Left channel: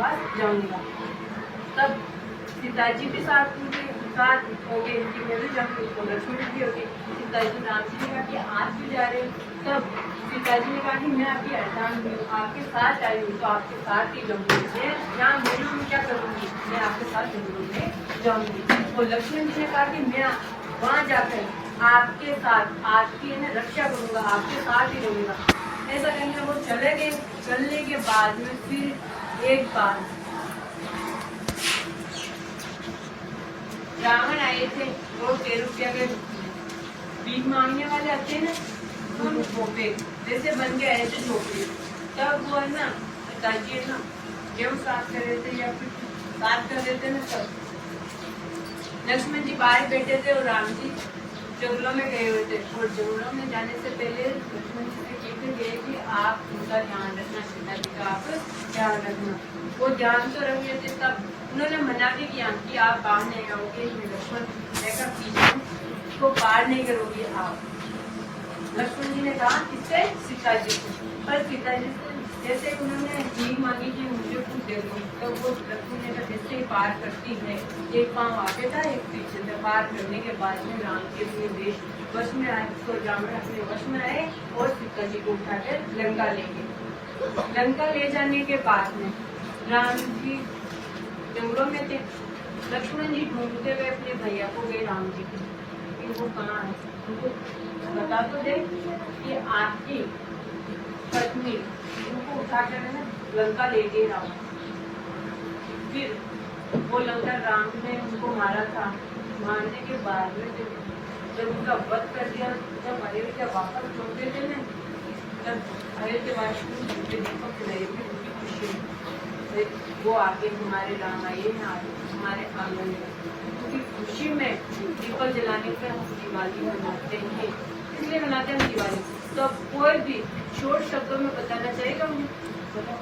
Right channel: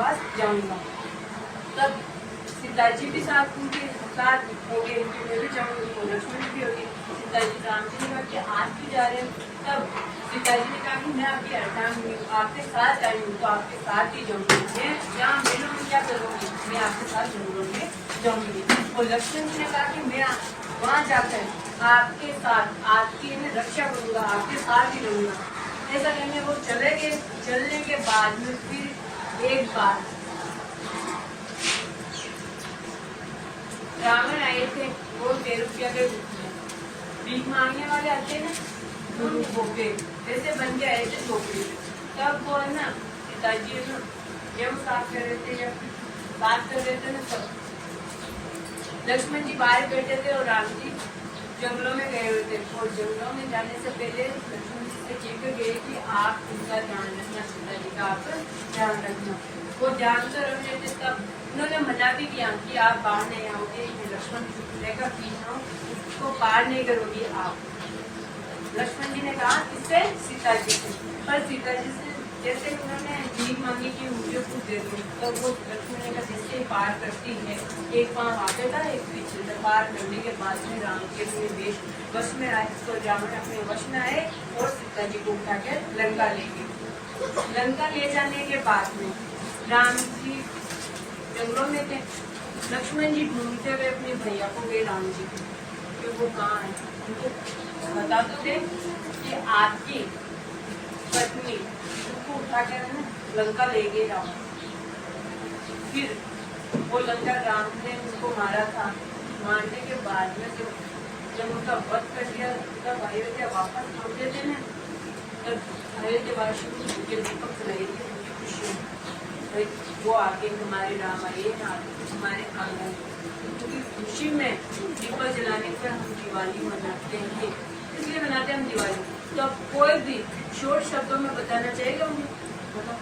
वनवास जाऊंगा। तब सीता जी भी साथ हो गए, इनकी मैं भी जाऊंगी, तो लक्ष्मण भी होगी। सीता जी राम जी ने कहा कि आज क्यों जा रहे हैं? तब सीता जी ने कहा कि मैं आपकी अर्धांगिनी हूँ, आपके साथ आई हूँ, तो आपके साथ ही जाऊंगी। मैं यहाँ मेलों में क्या करूंगी, मैं आपके साथ जंगलों में जाऊंगी। और लक्ष्मण जी ने कहा कि मैं वहाँ जाकर आपके साथ आपकी रक्षा करूंगा, आपके साथ ही रहूंगा। ऐसा कहेंगे वो चले गए। चलने के बाद में फिर एक बार रावण आए थे, वो 13 रुपया के भीख मांगने वाले आते हैं ना, भोपे जैसे बन के आए थे झोपड़ी। तब वो है ना पिताजी है ना गेहूं साफ कर रहे थे या फिर बात कर रहे थे ना, सब लक्ष्मण जी बाहर बैठे थे और राम जी जंगलों में गए हुए थे। और जंगलों में जाने से पहले लक्ष्मण जी से कह के गए कि आप उनका ध्यान रखना, सीता जी का आप ध्यान रखना। वो ध्यान तो रख लेते, तब उन्होंने मना भी किया कि आप बाहर नहीं आओगे, मैं लक्ष्मण लेकर पीछे उसको पार नहीं करोगी आप। लक्ष्मण जी ने कहा किससे? सीता जी से। पर सीता जी से जैसे उन्होंने भीख मांगी कि मुझे कुछ दे दो, तो वो लक्ष्मण ने कहा जैसे ही पार करती है, एक पाँव आगे था एक पीछे था। पार करने के बाद में राम के अपने देश वश में आए, तो रावण अपने वश में आए और सीता जी को उठाकर लंका ले गए। लंका ले जाने के बाद में राम जी जंगलों में थे। लक्ष्मण जी ढूंढते हुए अपने भैया को गए राम जी को कि वो कहाँ है, उनको बता तो दे कि आपकी पत्नी उनको उठाकर है ना लंका ले गए रावण। फिर वो लंका राम ने उनको मारा था। मारने के बाद में जब उनका वध कर दिया, तब अयोध्या वापस लौटे थे ना, तब अयोध्यावासी दीपक जलाए थे उनकी खुशी में। वो आगे हमारे राम आए हैं, आगे हमारे आंगन में, उनकी खुशी में दीपक जलाने पर हम दिवाली मनाते हैं। इसलिए मनाते हैं हम दिवाली। तो अब कोई भी शॉर्ट शब्दों में बताना चाहेगा उन्हें? बताओ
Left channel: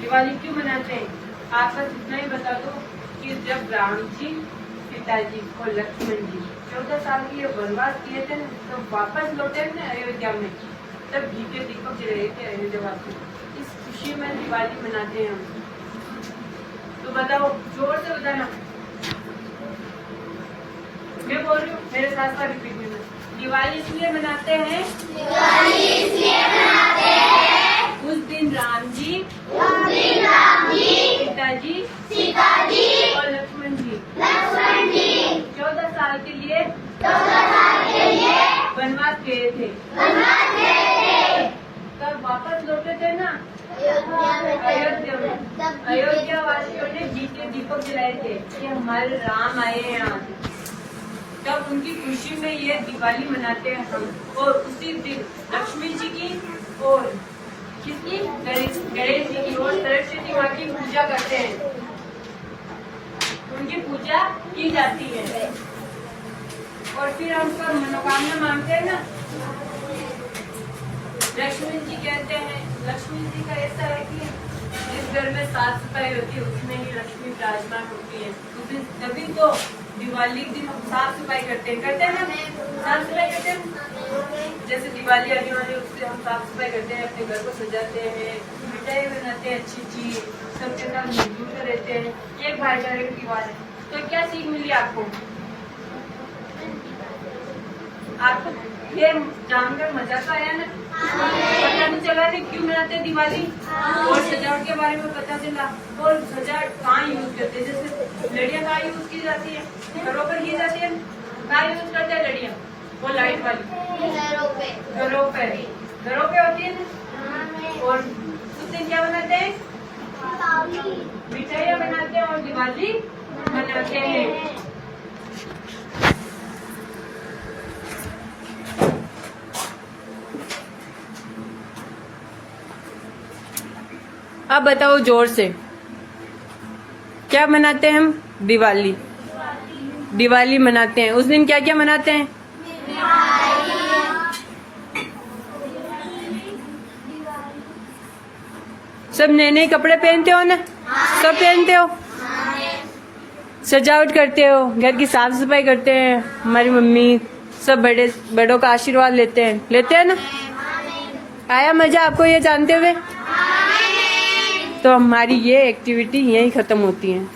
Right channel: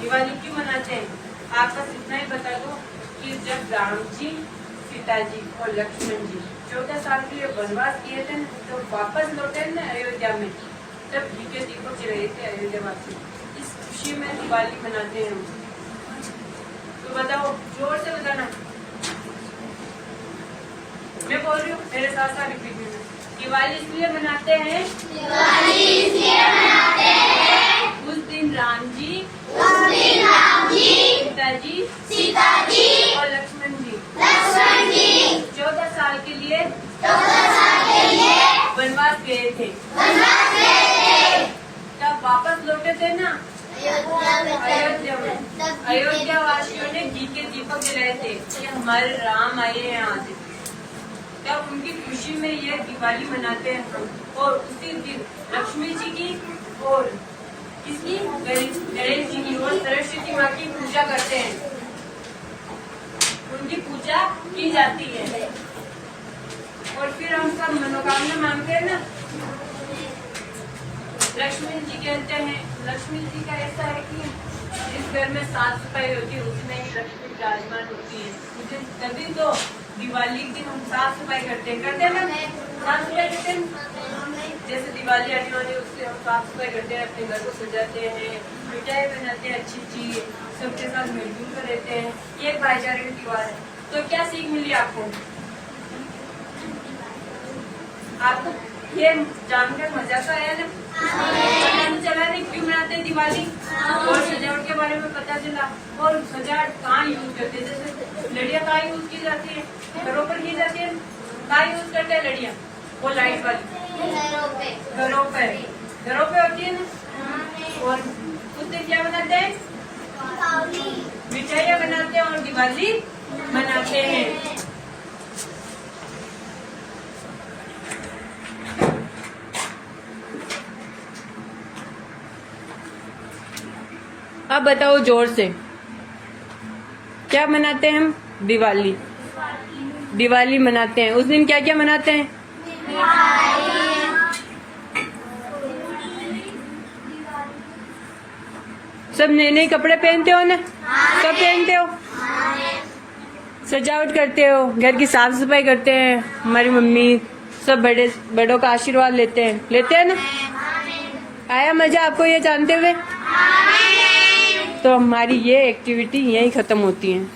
दिवाली क्यों मनाते हैं? आप बस इतना ही बता दो कि जब राम जी, सीता जी और लक्ष्मण जी 14 साल के लिए वनवास किए थे, तो वापस लौटे ना अयोध्या में, तब घी के दीपक जलाए थे अयोध्यावासी। इस खुशी में दिवाली मनाते हैं हम। तो बताओ, जोर से बताना। मैं बोल रही हूँ, मेरे साथ साथ रिपीट करना। दिवाली इसलिए मनाते हैं, दिवाली इसलिए मनाते हैं, उस दिन राम जी, सीता जी और लक्ष्मण जी 14 साल के लिए वनवास गए थे। तब वापस लौटे थे ना अयोध्या में। अयोध्या वासियों ने घी के दीपक जलाए थे कि हमारे राम आए हैं आज। तब उनकी खुशी में ये दिवाली मनाते हैं हम। और उसी दिन लक्ष्मी जी की और किसकी? गणेश जी की और सरस्वती माँ की पूजा करते हैं, उनकी पूजा की जाती है। और फिर हम सब मनोकामना मांगते हैं ना। लक्ष्मी जी कहते हैं, लक्ष्मी जी का ऐसा है कि जिस घर में साफ सफाई होती है उसमें ही लक्ष्मी विराजमान होती है। तभी तो दिवाली के दिन हम साफ सफाई करते हैं ना, साफ सफाई करते हैं। जैसे दिवाली आने वाली उससे हम साफ सफाई करते हैं, अपने घर को सजाते हैं, मिठाई बनाते हैं अच्छी सबके साथ मिलजुल कर रहते हैं। एक भाईचारे की त्योहार है। तो क्या सीख मिली आपको? आपको ये जानकर मजा तो आया ना? पता नहीं चला नहीं क्यों मनाते हैं दिवाली, और सजावट के बारे में पता चला। और सजावट कहाँ यूज करते हैं? जैसे लड़ियाँ कहाँ यूज की जाती है? घरों पर की जाती है। कहाँ यूज करते हैं लड़ियाँ? वो लाइट वाली घरों पे होती है ना। और उस दिन क्या बनाते हैं? मिठाइयाँ बनाते हैं और दिवाली मनाते हैं। अब बताओ जोर से, क्या मनाते हैं हम? दिवाली मनाते हैं। उस दिन क्या क्या मनाते हैं? सब नए नए कपड़े पहनते हो ना? सब पहनते हो? सजावट करते हो, घर की साफ सफाई करते हैं, हमारी मम्मी सब बड़ों का आशीर्वाद लेते हैं ना? आया मजा आपको ये जानते हुए? तो हमारी ये एक्टिविटी यहीं ख़त्म होती है।